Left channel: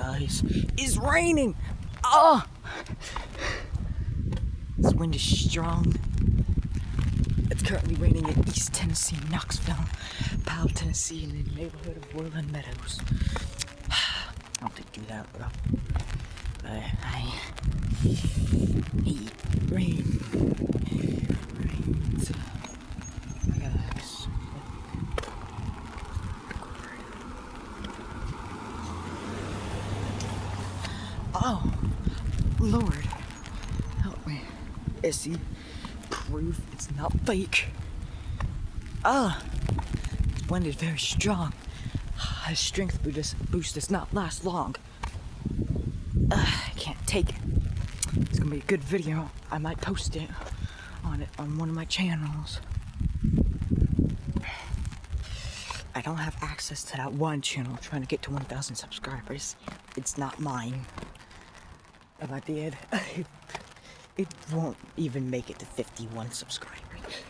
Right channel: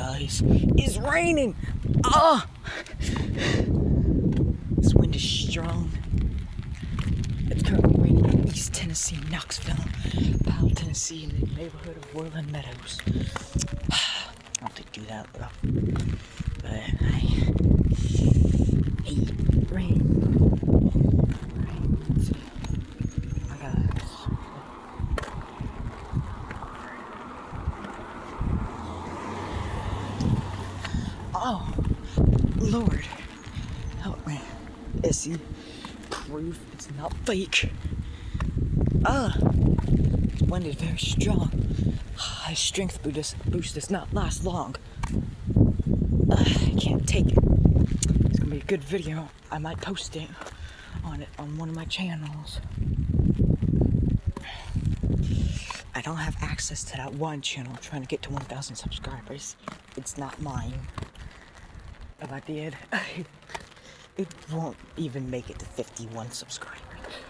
guys, it's raining. Ah! This wind is strong. It's currently raining in East Tennessee, Knoxville, Powell, Tennessee, in the neighborhood of Woodland Meadows. I don't think do that, but I hate rain. Rains. My guys. Oh, Lord, help me. See, proof it's not fake. This wind is very strong. His strength boost does not last long. I can't take it. It's gonna be a good video. I might post it on one of my channels. I don't have access to that one channel trying to get to 1,000 subscribers. It's not mine. If I did, it won't even make it to 51 subscribers.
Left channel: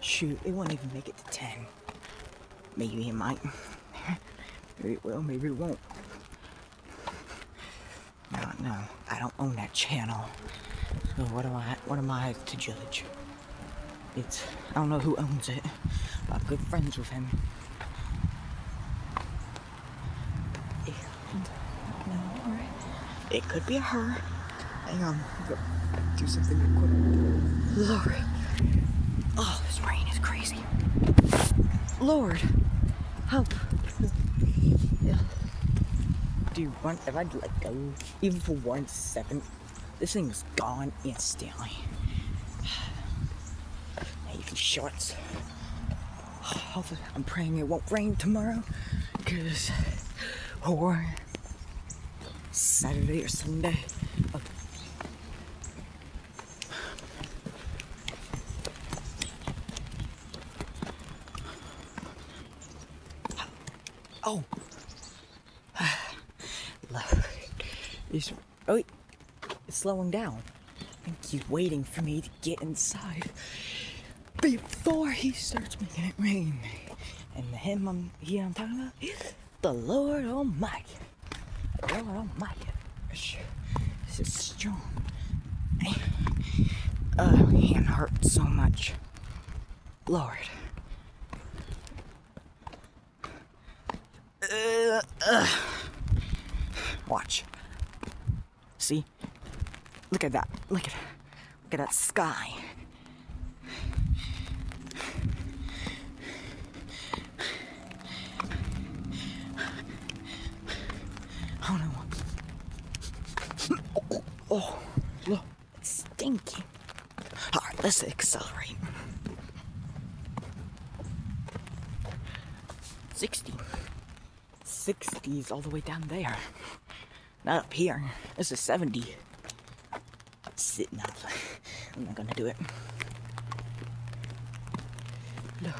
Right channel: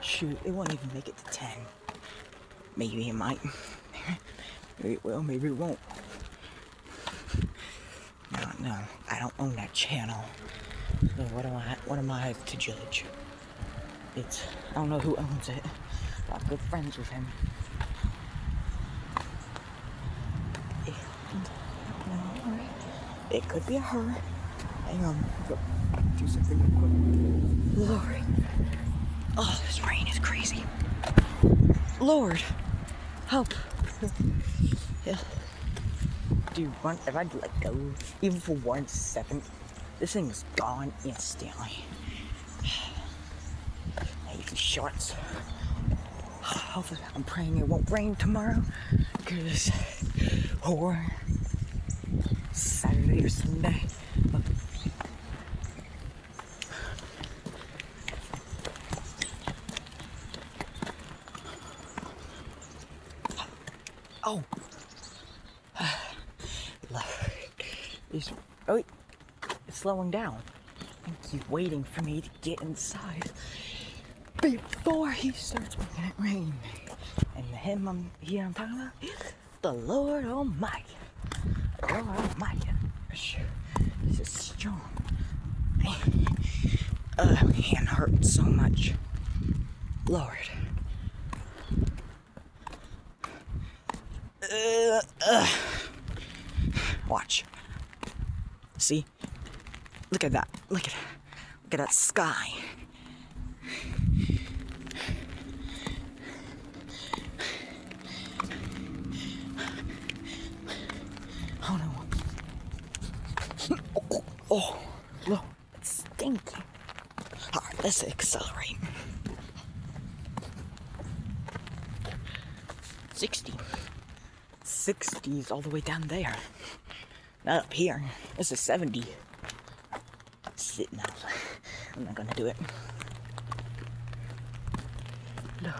Shoot, it won't even make it to 10. Maybe it might. Maybe it will, maybe it won't. No, I don't own that channel. So what am I to judge? I don't know who owns it, but I'm good friends with him. It could be a her. Hang on, do something real quick. Lord. Oh, this rain is crazy. Lord, help. Yeah. Dude, if I'd let go, even for 1 second, this thing is gone instantly. I need these shorts. Hopefully, I'm praying it won't rain tomorrow, because, or Saturday or Sunday. Oh, it's slowing down. He's waiting for me to get inside before he starts making it rain. And him I'm talking about, the Lord Almighty. The Lord Almighty. This is strong. My hand hurts so much. Lord. Watch. See? Look at that. Look at that sky. Oh no. Oh, look, it's stinky. Alright, let's accelerate. 60. 60s all the way down there. Not up here. It's a 70. Sitting outside. I'm not gonna do it. Lord.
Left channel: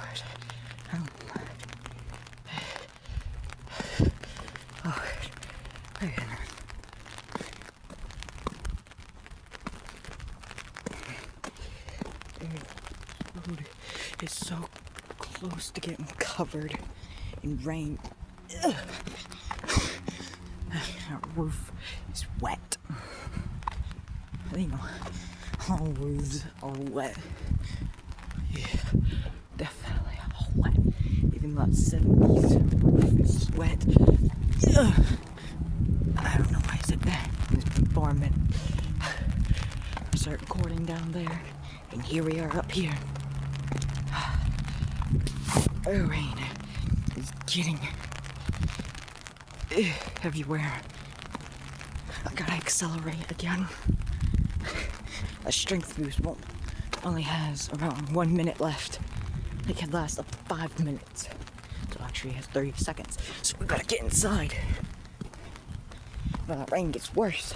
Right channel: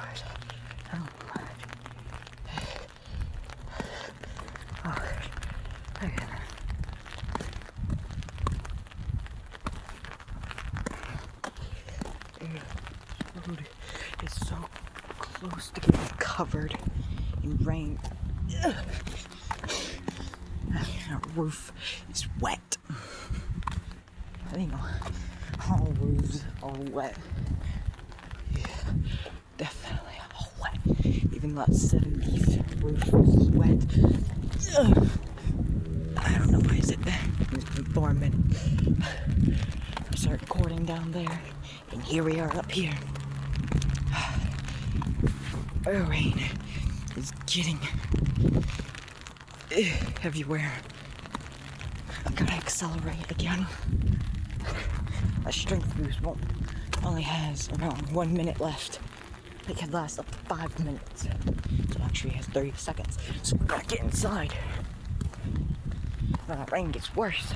Road is so close to getting covered in rain. Our roof is wet. You know, all roofs are wet. Yeah, definitely wet. Even that 70s roof is wet. I don't know why is it there. It's been 4 minutes. I start recording down there, and here we are up here. The rain is getting everywhere. I gotta accelerate again. A strength boost only has around 1 minute left. It can last up to 5 minutes. So actually it has 30 seconds. So we gotta get inside. When that rain gets worse.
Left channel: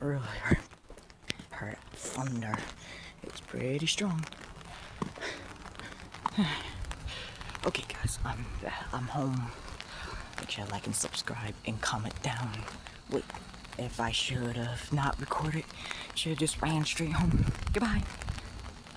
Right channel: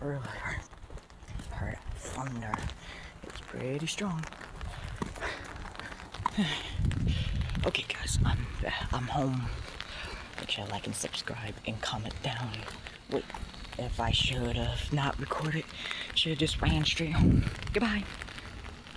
Earlier, heard thunder. It's pretty strong. Okay guys, I'm home. Make sure to like and subscribe and comment down. Wait, if I should have not recorded, should have just ran straight home. Goodbye.